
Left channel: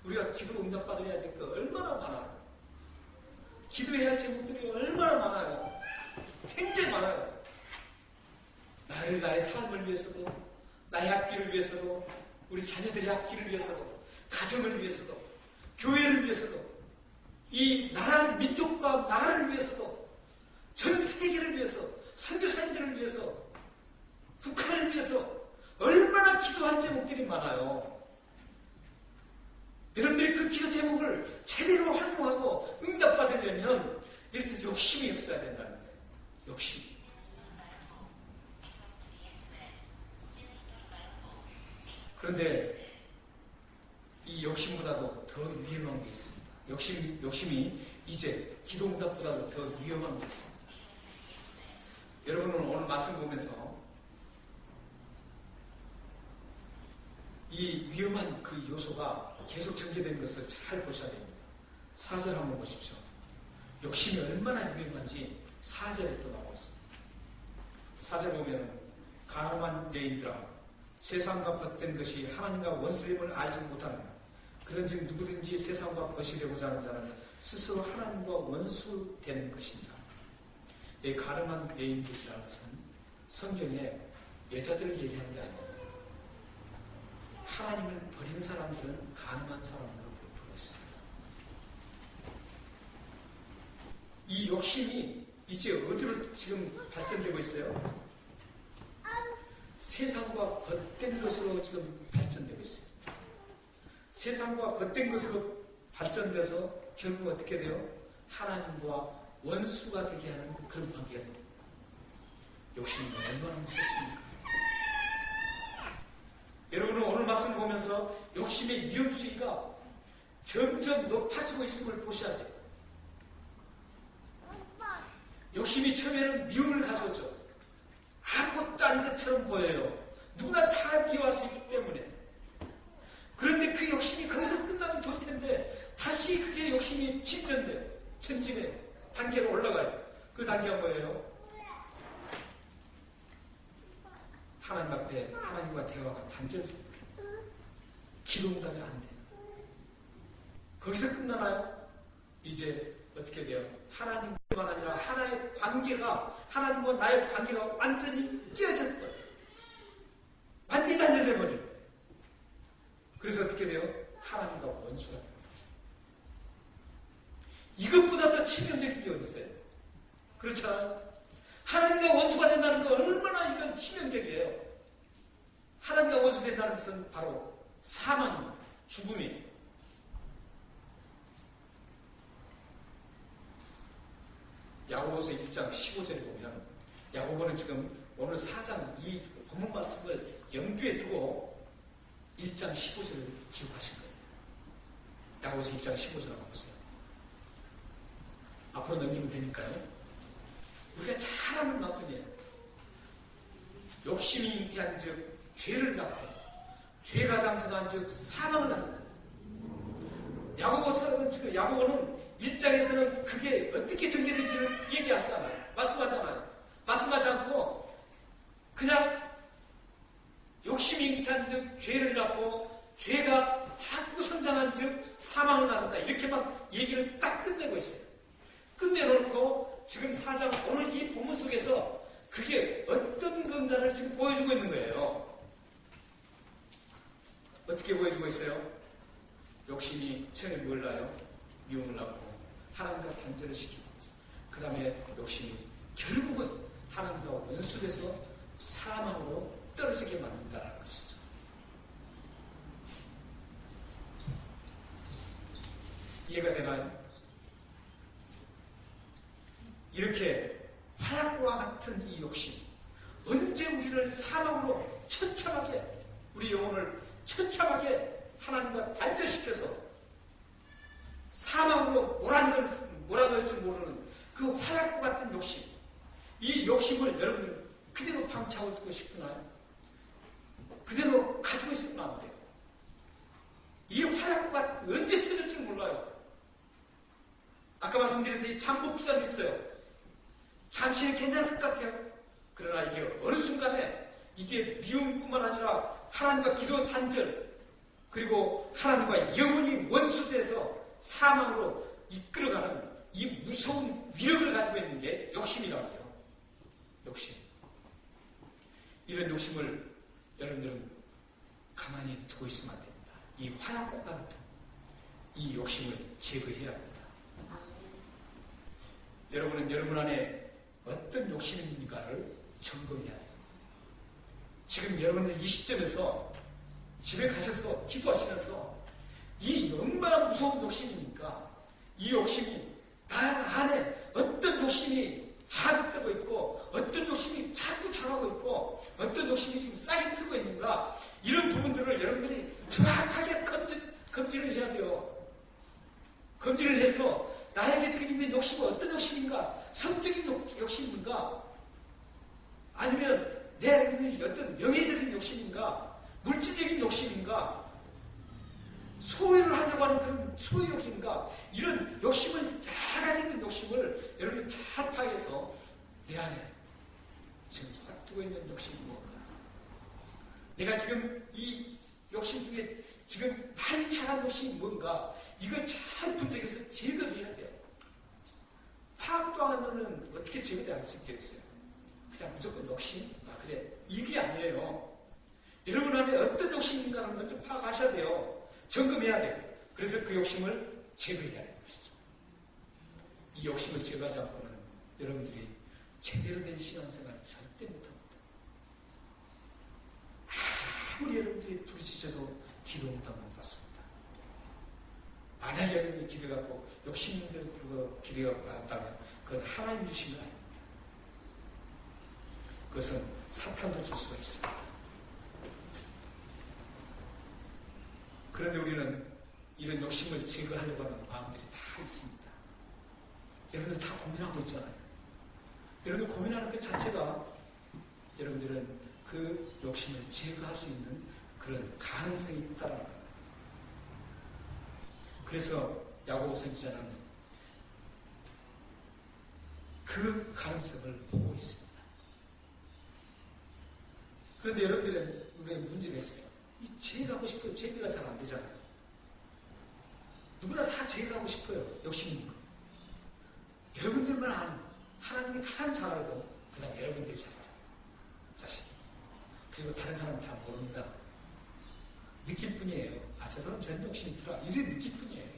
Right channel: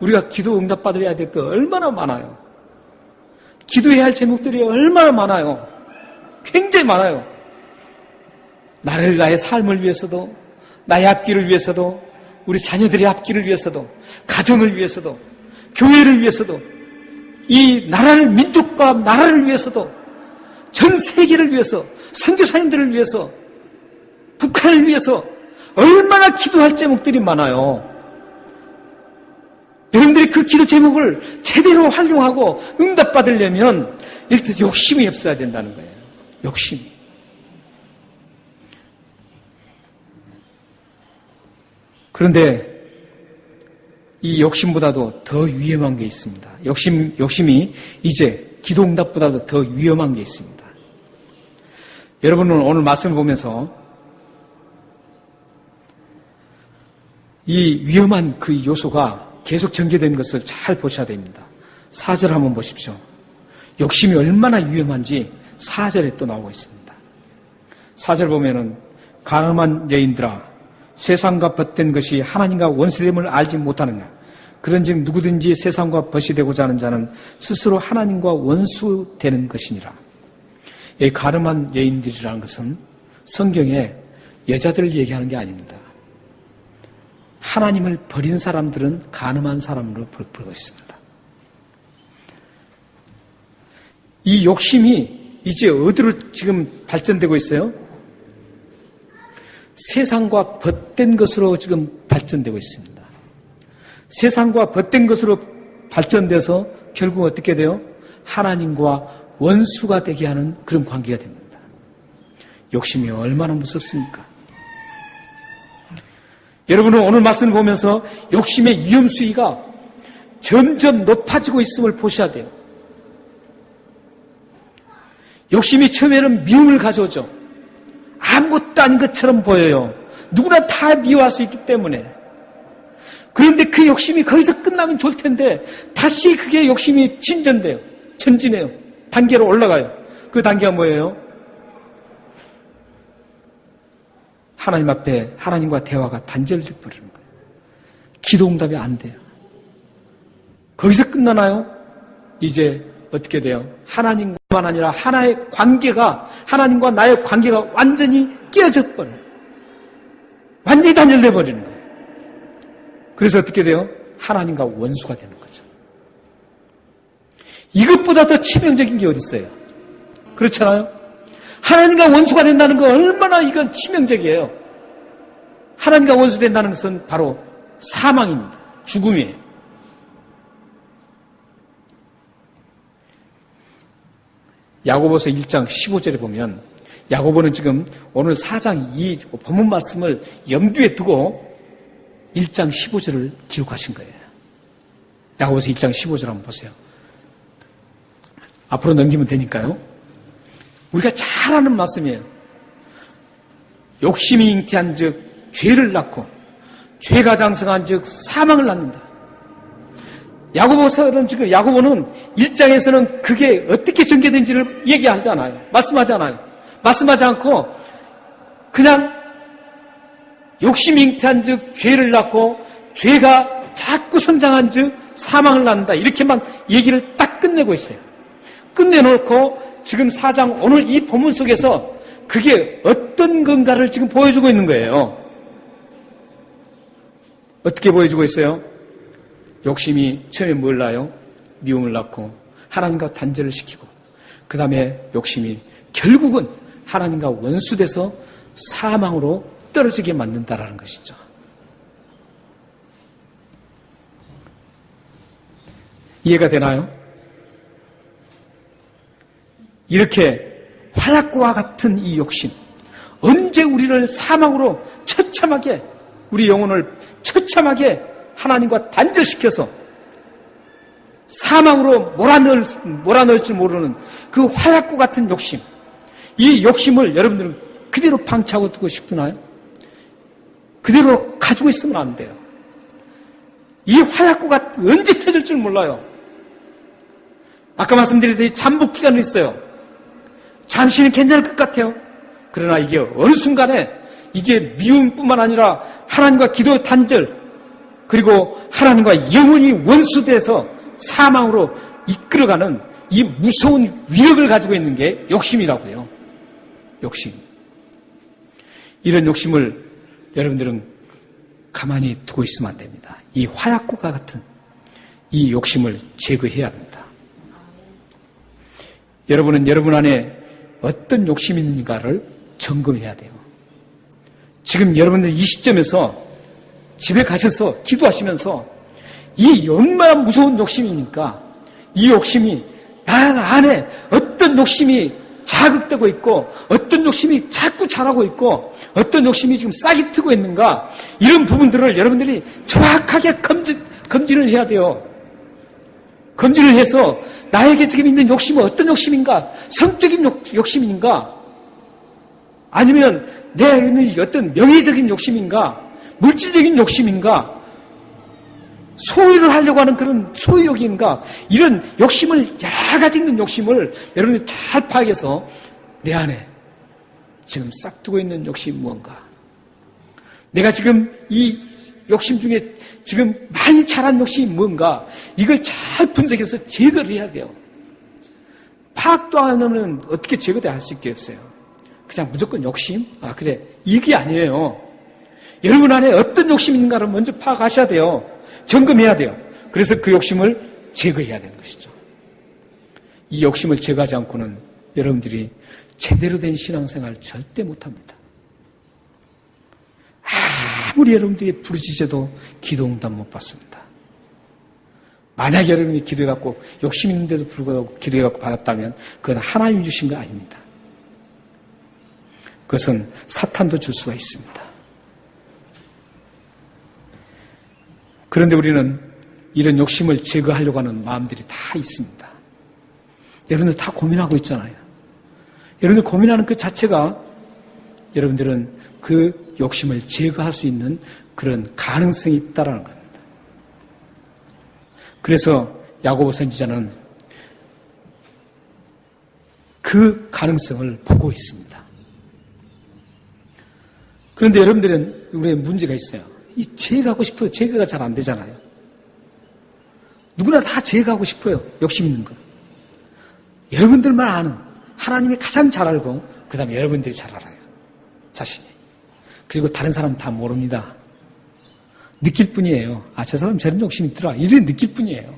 우리가 기도 응답받아야 될 거 얼마나 많아요. 기도해야 할 제목들이 얼마나 많아요. 굉장히 많아요. 나를, 나의 삶을 위해서도, 나의 앞길을 위해서도, 우리 자녀들의 앞길을 위해서도, 가정을 위해서도, 교회를 위해서도, 이 나라를, 민족과 나라를 위해서도, 전 세계를 위해서, 선교사님들을 위해서, 북한을 위해서 얼마나 기도할 제목들이 많아요. 여러분들이 그 기도 제목을 제대로 활용하고 응답받으려면 일단 욕심이 없어야 된다는 거예요. 욕심이. 그런데 이 욕심보다도 더 위험한 게 있습니다. 욕심이 이제 기도 응답보다도 더 위험한 게 있습니다. 여러분은 오늘 말씀을 보면서 이 위험한 그 요소가 계속 전개되는 것을 잘 보셔야 됩니다. 4절 한번 보십시오. 욕심이 얼마나 위험한지 4절에 또 나오고 있습니다. 4절 보면은 가늠한 여인들아 세상과 벗된 것이 하나님과 원수됨을 알지 못하느냐. 그런즉 누구든지 세상과 벗이 되고자 하는 자는 스스로 하나님과 원수되는 것이니라. 이 가늠한 여인들이라는 것은 성경에 여자들을 얘기하는 게 아닙니다. 하나님을 버린 사람들은 가늠한 사람으로 부르고 있습니다. 이 욕심이 이제 어디로 지금 발전되고 있어요? 세상과 벗된 것으로 지금 발전되고 있습니다. 세상과 벗된 것으로 발전돼서 결국 어떻게 돼요? 하나님과 원수가 되게 하는 그런 관계가 됩니다. 욕심이 얼마나 무섭습니까? 여러분은 오늘 말씀을 보면서 욕심의 위험수위가 점점 높아지고 있음을 보셔야 돼요. 욕심이 처음에는 미움을 가져오죠. 아무것도 아닌 것처럼 보여요. 누구나 다 미워할 수 있기 때문에. 그런데 그 욕심이 거기서 끝나면 좋을 텐데 다시 그게 욕심이 진전돼요. 전진해요. 단계로 올라가요. 그 단계가 뭐예요? 하나님 앞에 하나님과 대화가 단절돼 버리는 거예요. 기도 응답이 안 돼요. 거기서 끝나나요? 이제 어떻게 돼요? 하나님과만 아니라 하나의 관계가, 하나님과 나의 관계가 완전히 깨어져 버려요. 완전히 단절돼 버리는 거예요. 그래서 어떻게 돼요? 하나님과 원수가 되는 거죠. 이것보다 더 치명적인 게 어디 있어요? 그렇잖아요? 하나님과 원수가 된다는 거 얼마나 이건 치명적이에요. 하나님과 원수 된다는 것은 바로 사망입니다. 죽음이에요. 야고보서 1장 15절에 보면 야고보는 지금 오늘 4장 이 본문 말씀을 염두에 두고 1장 15절을 기록하신 거예요. 야고보서 1장 15절 한번 보세요. 앞으로 넘기면 되니까요. 우리가 잘 아는 말씀이에요. 욕심이 잉태한 즉 죄를 낳고 죄가 장성한 즉 사망을 낳는다. 야고보서는 지금 야고보는 1장에서는 그게 어떻게 전개된지를 얘기하잖아요. 말씀하잖아요. 말씀하지 않고 그냥 욕심이 잉태한 즉 죄를 낳고 죄가 자꾸 성장한 즉 사망을 낳는다. 이렇게만 얘기를 딱 끝내고 있어요. 끝내놓고 지금 4장 오늘 이 본문 속에서 그게 어떤 건가를 지금 보여주고 있는 거예요. 어떻게 보여주고 있어요? 욕심이 처음에 뭘 낳아요? 미움을 낳고 하나님과 단절을 시키고 그 다음에 욕심이 결국은 하나님과 원수돼서 사망으로 떨어지게 만든다라는 것이죠. 이해가 되나요? 이렇게 화약고와 같은 이 욕심, 언제 우리를 사망으로 처참하게, 우리 영혼을 처참하게 하나님과 단절시켜서 사망으로 몰아넣을지 모르는 그 화약고 같은 욕심, 이 욕심을 여러분들은 그대로 방치하고 두고 싶으나요? 그대로 가지고 있으면 안 돼요. 이 화약고가 언제 터질 줄 몰라요. 아까 말씀드렸듯이 잠복 기간이 있어요. 잠시는 괜찮을 것 같아요. 그러나 이게 어느 순간에 이게 미움뿐만 아니라 하나님과 기도 단절, 그리고 하나님과 영원히 원수돼서 사망으로 이끌어가는 이 무서운 위력을 가지고 있는 게 욕심이라고요. 욕심. 이런 욕심을 여러분들은 가만히 두고 있으면 안 됩니다. 이 화약고가 같은 이 욕심을 제거해야 합니다. 여러분은 여러분 안에 어떤 욕심이 있는가를 점검해야 돼요. 지금 여러분들 이 시점에서 집에 가셔서 기도하시면서 이 얼마나 무서운 욕심입니까? 이 욕심이 나 안에 어떤 욕심이 자극되고 있고 어떤 욕심이 자꾸 자라고 있고 어떤 욕심이 지금 싹이 트고 있는가, 이런 부분들을 여러분들이 정확하게 검진을 해야 돼요. 검진을 해서 나에게 지금 있는 욕심은 어떤 욕심인가? 성적인 욕심인가? 아니면 내가 있는 어떤 명예적인 욕심인가? 물질적인 욕심인가? 소유를 하려고 하는 그런 소유욕인가? 이런 욕심을, 여러 가지 있는 욕심을 여러분이 잘 파악해서 내 안에 지금 싹두고 있는 욕심이 무언가? 내가 지금 이 욕심 중에 지금 많이 자란 욕심이 뭔가? 이걸 잘 분석해서 제거를 해야 돼요. 파악도 안 하면 어떻게 제거돼 할 수 있게 없어요. 그냥 무조건 욕심? 아, 그래. 이게 아니에요. 여러분 안에 어떤 욕심이 있는가를 먼저 파악하셔야 돼요. 점검해야 돼요. 그래서 그 욕심을 제거해야 되는 것이죠. 이 욕심을 제거하지 않고는 여러분들이 제대로 된 신앙생활 절대 못합니다. 아무리 여러분들이 부르짖어도 기도 응답 못 받습니다. 만약 여러분이 기도해갖고 욕심 있는데도 불구하고 기도해갖고 받았다면 그건 하나님이 주신 거 아닙니다. 그것은 사탄도 줄 수가 있습니다. 그런데 우리는 이런 욕심을 제거하려고 하는 마음들이 다 있습니다. 여러분들 다 고민하고 있잖아요. 여러분들 고민하는 그 자체가 여러분들은 그 욕심을 제거할 수 있는 그런 가능성이 있다는 겁니다. 그래서 야고보 선지자는 그 가능성을 보고 있습니다. 그런데 여러분들은 우리의 문제가 있어요. 이 제거하고 싶어요. 제거가 잘 안 되잖아요. 누구나 다 제거하고 싶어요. 욕심 있는 거. 여러분들만 아는, 하나님이 가장 잘 알고 그 다음에 여러분들이 잘 알아요. 자신이. 그리고 다른 사람은 다 모릅니다. 느낄 뿐이에요. 아, 저 사람 저런 욕심이 있더라. 이런 느낄 뿐이에요.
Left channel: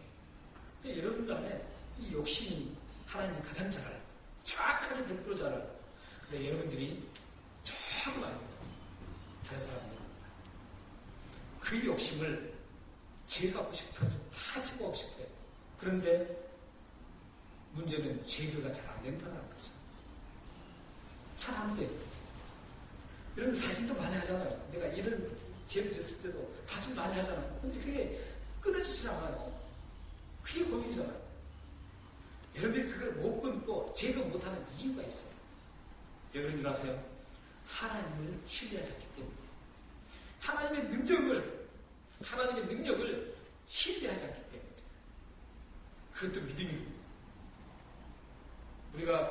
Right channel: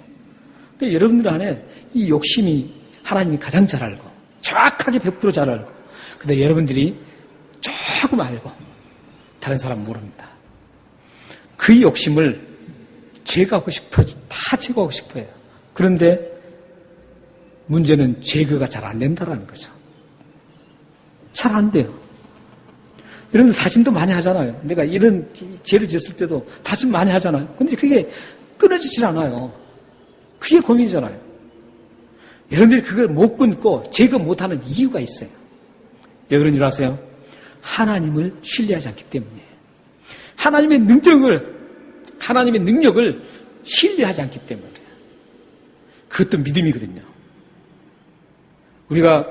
그러니까 여러분들 안에 이 욕심이 하나님이 가장 잘 알고 정확하게 100% 잘 알고, 근데 여러분들이 조금 알고 다른 사람은 모릅니다. 그 욕심을 제거하고 싶어요. 다 제거하고 싶어요. 그런데 문제는 제거가 잘 안 된다는 거죠. 잘 안 돼요. 여러분들 다짐도 많이 하잖아요. 내가 이런 죄를 지었을 때도 다짐 많이 하잖아요. 근데 그게 끊어지질 않아요. 그게 고민이잖아요. 여러분들이 그걸 못 끊고 제거 못하는 이유가 있어요. 왜 그런 줄 아세요? 하나님을 신뢰하지 않기 때문이에요. 하나님의 능력을 신뢰하지 않기 때문에 그래요. 그것도 믿음이거든요. 우리가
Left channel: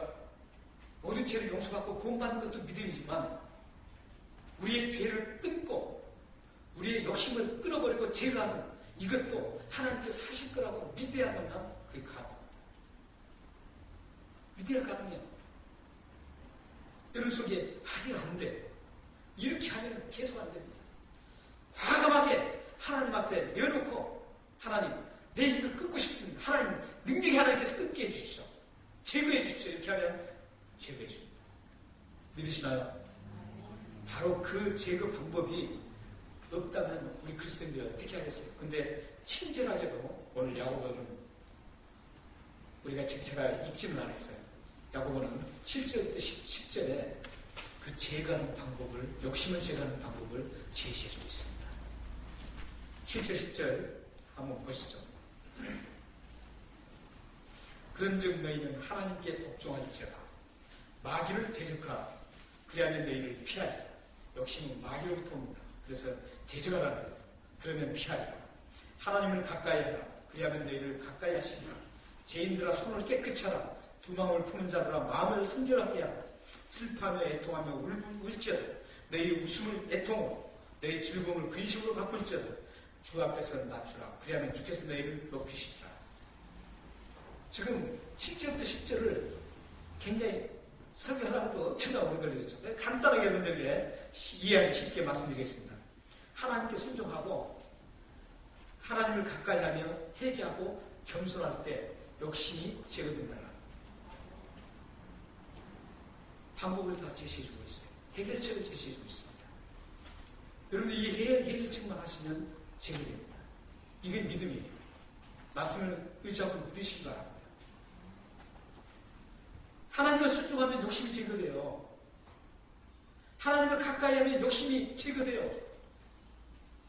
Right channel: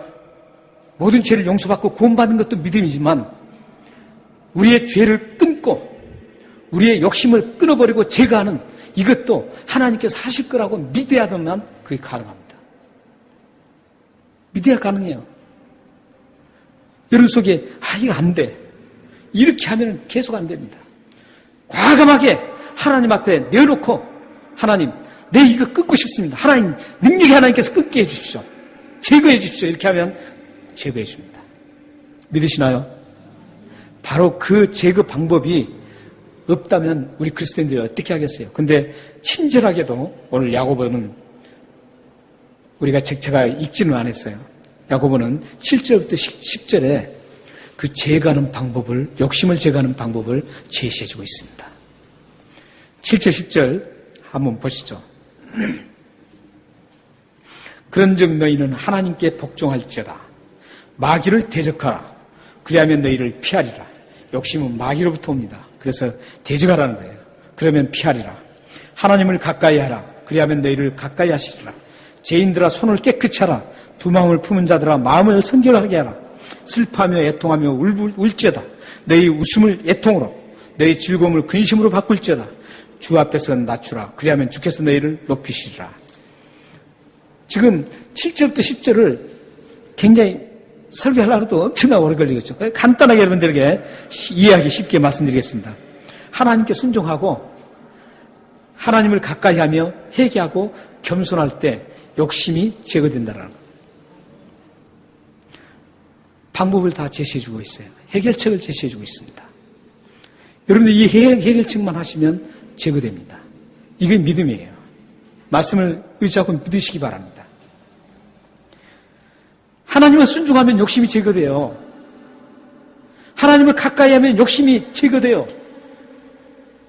모든 죄를 용서받고 구원받는 것도 믿음이지만 우리의 죄를 끊고 우리의 욕심을 끊어버리고 제거하는 이것도 하나님께서 하실 거라고 믿어야만 그게 가능합니다. 믿어야 가능해요. 여러분 속에 이거 안 돼. 이렇게 하면 계속 안 됩니다. 과감하게 하나님 앞에 내어놓고 하나님, 내 이거 끊고 싶습니다. 하나님, 능력이 하나님께서 끊게 해주십시오. 제거해 주십시오. 이렇게 하면 제거해 줍니다. 믿으시나요? 바로 그 제거 방법이 없다면 우리 그리스도인들이 어떻게 하겠어요? 근데 친절하게도 오늘 야고보는 우리가 제가 읽지는 않았어요. 야고보는 7절부터 10절에 그 제거하는 방법을, 욕심을 제거하는 방법을 제시해주고 있습니다. 7절, 10절 한번 보시죠. 그런즉 너희는 하나님께 복종할지어다. 마귀를 대적하라. 그리하면 너희를 피하리라. 욕심은 마귀로부터 옵니다. 그래서 대적하라는 거예요. 그러면 피하리라. 하나님을 가까이 하라. 그리하면 너희를 가까이 하시리라. 죄인들아 손을 깨끗이 하라. 두 마음을 품은 자들아 마음을 성결하게 하라. 슬퍼하며 애통하며 울지어다. 너희 웃음을 애통으로, 너희 즐거움을 근심으로 바꿀지어다. 주 앞에서 낮추라. 그리하면 주께서 너희를 높이시리라. 지금 7절부터 10절을 굉장히 설교하려고 해도 엄청나게 오래 걸리겠죠. 간단하게 여러분들에게 이해하기 쉽게 말씀드리겠습니다. 하나님께 순종하고 하나님을 가까이 하며 회개하고 겸손할 때 욕심이 제거된다는 것. 방법을 다 제시해주고 있어요. 해결책을 제시해주고 있습니다. 여러분들 이 해결책만 하시면 제거됩니다. 이게 믿음이에요. 말씀을 의지하고 믿으시기 바랍니다. 하나님을 순종하면 욕심이 제거돼요. 하나님을 가까이 하면 욕심이 제거돼요.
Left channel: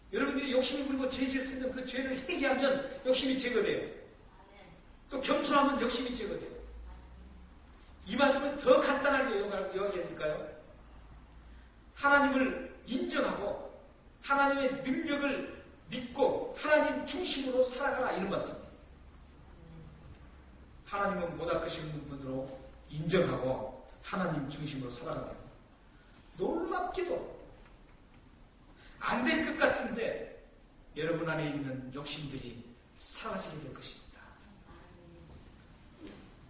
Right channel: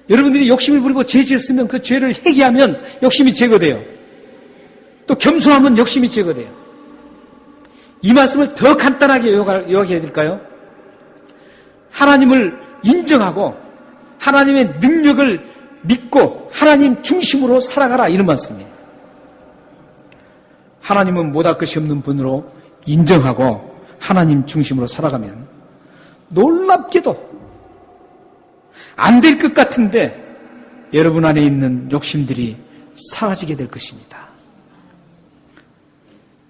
여러분들이 욕심을 부리고 죄 지었으면 그 죄를 회개하면 욕심이 제거돼요. 또 겸손하면 욕심이 제거돼요. 이 말씀을 더 간단하게 요약해야 될까요? 하나님을 인정하고 하나님의 능력을 믿고 하나님 중심으로 살아가라, 이런 말씀이에요. 하나님은 못할 것이 없는 분으로 인정하고 하나님 중심으로 살아가면 놀랍게도 안 될 것 같은데 여러분 안에 있는 욕심들이 사라지게 될 것입니다.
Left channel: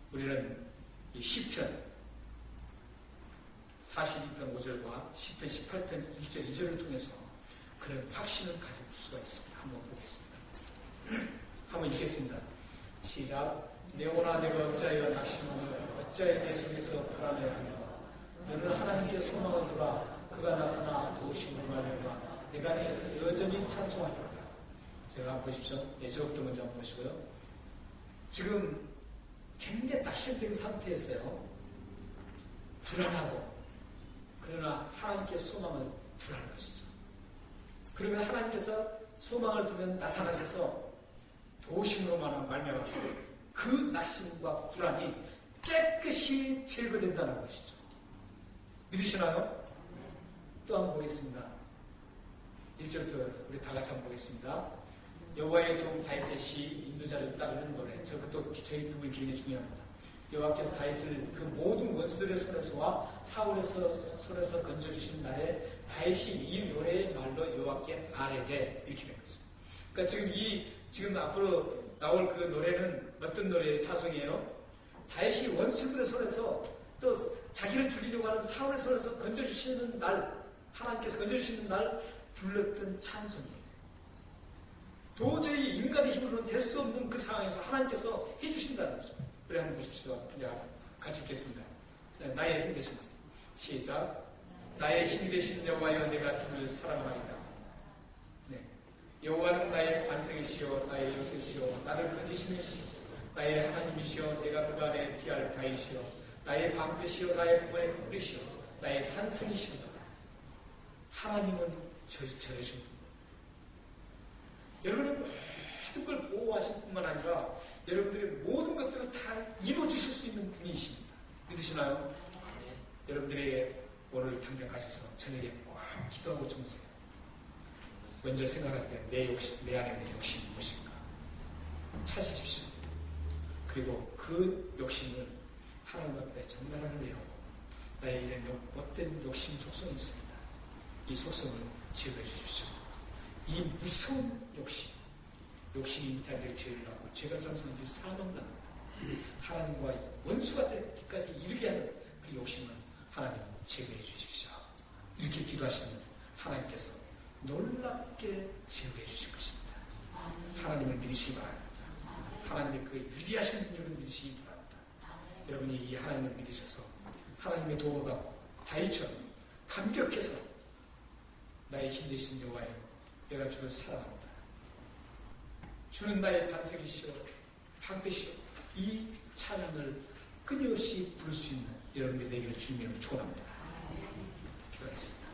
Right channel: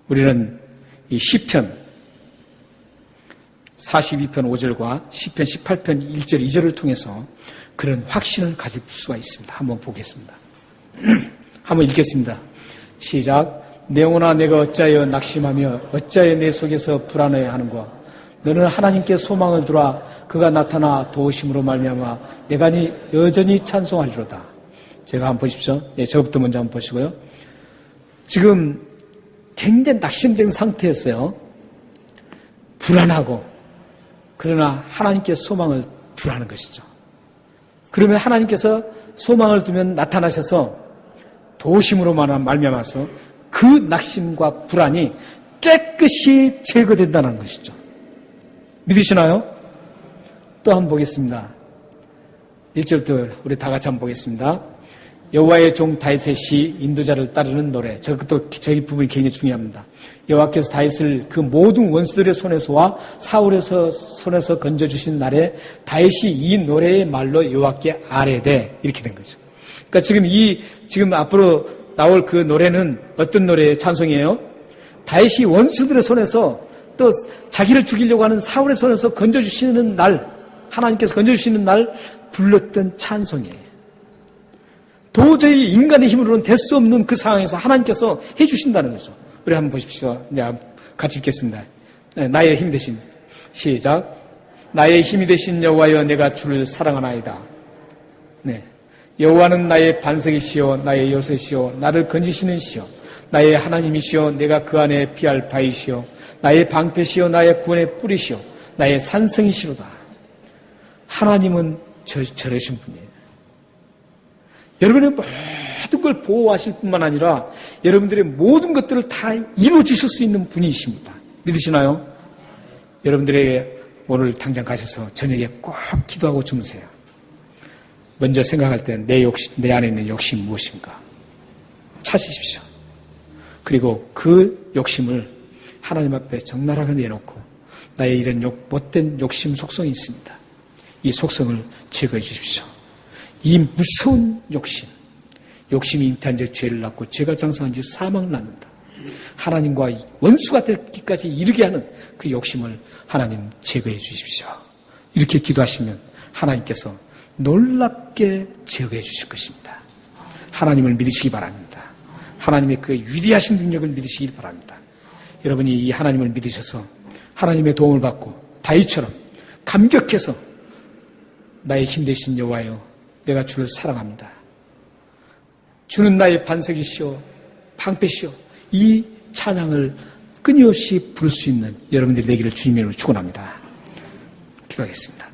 우리는 이 시편 42편 5절과 시편 18편 1절 2절을 통해서 그런 확신을 가질 수가 있습니다. 한번 보겠습니다. 한번 읽겠습니다. 시작. 내 영혼아 내가 어찌하여 낙심하며 어찌하여 내 속에서 불안해 하는가. 너는 하나님께 소망을 두라. 그가 나타나 도우심으로 말미암아 내가 여전히 찬송하리로다. 제가 한번 보십시오. 예, 저부터 먼저 한번 보시고요. 지금 굉장히 낙심된 상태였어요. 불안하고, 그러나 하나님께 소망을 두라는 것이죠. 그러면 하나님께서 소망을 두면 나타나셔서 도우심으로 말미암아서 그 낙심과 불안이 깨끗이 제거된다는 것이죠. 믿으시나요? 또 한번 보겠습니다. 1절부터 우리 다 같이 한번 보겠습니다. 여호와의 종 다윗의 시, 인도자를 따르는 노래. 저희 부분이 굉장히 중요합니다. 여호와께서 다윗을 그 모든 원수들의 손에서와 사울의 손에서 건져주신 날에 다윗이 이 노래의 말로 여호와께 아뢰되, 이렇게 된 거죠. 그러니까 지금 앞으로 나올 그 노래는 어떤 노래의 찬송이에요? 다윗이 원수들의 손에서 또 자기를 죽이려고 하는 사울의 손에서 건져주시는 날, 하나님께서 건져주시는 날 불렀던 찬송이에요. 도저히 인간의 힘으로는 될 수 없는 그 상황에서 하나님께서 해주신다는 거죠. 우리 한번 보십시오. 이제 같이 읽겠습니다. 나의 힘이 되신, 시작. 나의 힘이 되신 여호와여 내가 주를 사랑하나이다. 네. 여호와는 나의 반석이시오, 나의 요새시오, 나를 건지시는 시오, 나의 하나님이시오, 내가 그 안에 피할 바이시오, 나의 방패시오, 나의 구원의 뿌리시오, 나의 산성이시로다. 하나님은 저러신 분이에요. 여러분의 모든 걸 보호하실 뿐만 아니라 여러분들의 모든 것들을 다 이루어주실 수 있는 분이십니다. 믿으시나요? 여러분들에게 오늘 당장 가셔서 저녁에 꼭 기도하고 주무세요. 먼저 생각할 때 내 안에 있는 욕심이 무엇인가 찾으십시오. 그리고 그 욕심을 하나님 앞에 적나라하게 내놓고 나의 이런 못된 욕심 속성이 있습니다. 이 속성을 제거해 주십시오. 이 무서운 욕심이 잉태한 즉 죄를 낳고 죄가 장성한 즉 사망을 낳는다. 하나님과 원수가 되기까지 이르게 하는 그 욕심을 하나님 제거해 주십시오. 이렇게 기도하시면 하나님께서 놀랍게 제거해 주실 것입니다. 하나님을 믿으시기 바랍니다. 하나님의 그 위대하신 능력을 믿으시길 바랍니다. 여러분이 이 하나님을 믿으셔서 하나님의 도움을 받고 다윗처럼 감격해서 나의 힘 되신 여호와여, 내가 주를 사랑합니다. 주는 나의 반석이시오, 방패시오. 이 찬양을 끊임없이 부를 수 있는 여러분들이 되기를 주님의 이름으로 축원합니다. 기도하겠습니다.